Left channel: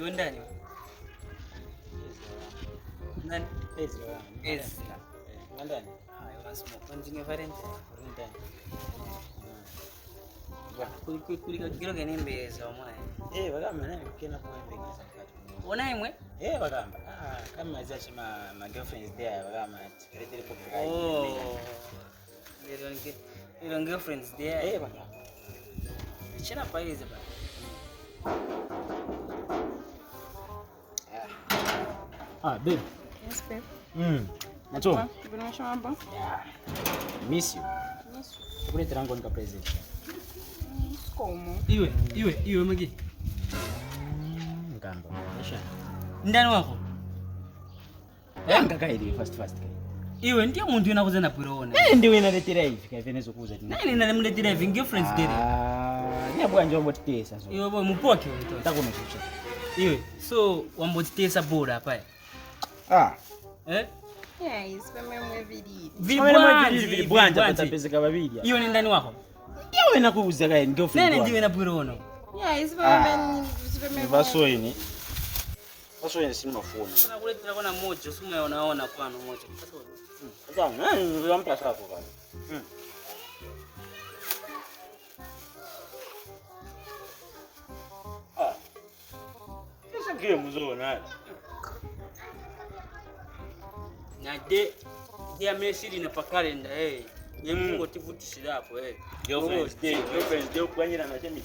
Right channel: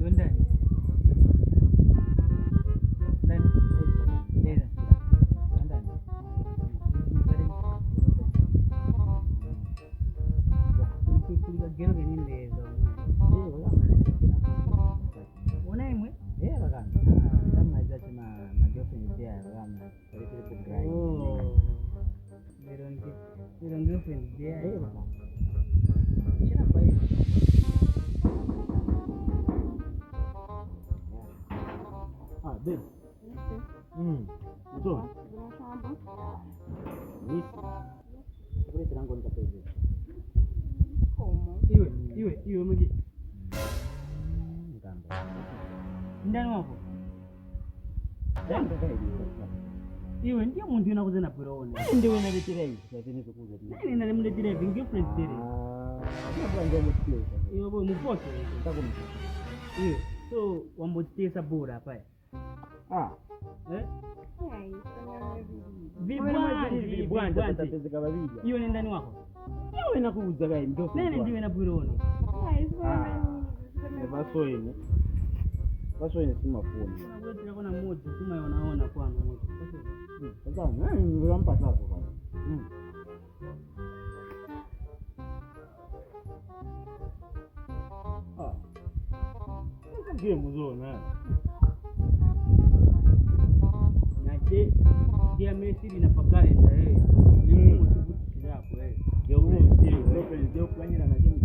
Ndio ndani. Ndani. Yes. Ndani. Hayo basi mwanzo Valentine. Kulika kiro kenembeza omwana. Bagamba naye kena kwambika zakati. Ona imwe? Bagamba. Kama azachi ma girlfriends there bagamba tikirete ko bwa. Your girlfriends there. Bagamba. China paize ba. Babe. Yes, babe. Nacho. Unanisha mambo? Miss you. Tukule trango nika present. Como? Iwe magi. Ngamba. Nisha. Ndani wako? Ngaka ili fast. Iwe ndiye muntu unakuza na pwirone. Ndiwe inaletira hivi kavenezo kuza tena. Nani nalemletira hivi girlfriends there? Ni abwa njombo titesa so. Iwe boy mupoke. Nitakuwa mchucha. Iwe so wambotitesa bora hapa. Yes, pamwe Vili bwanja patapezeka babili. Iwe ni ndani wako? Iwe nakuuza kae girlfriend. Nani ndiwe na pwirone? Yes, pamwe Vasoini. Vasoini si mafuni. Nakuletera kona moja, usimu unaona kwano moja. Sasa nani nilimpa sako bwana. Sasa game mzuri Nade dia mesiri na pakalenda Yemungu tivutishira hapo Girlfriends day kwanyira na jemi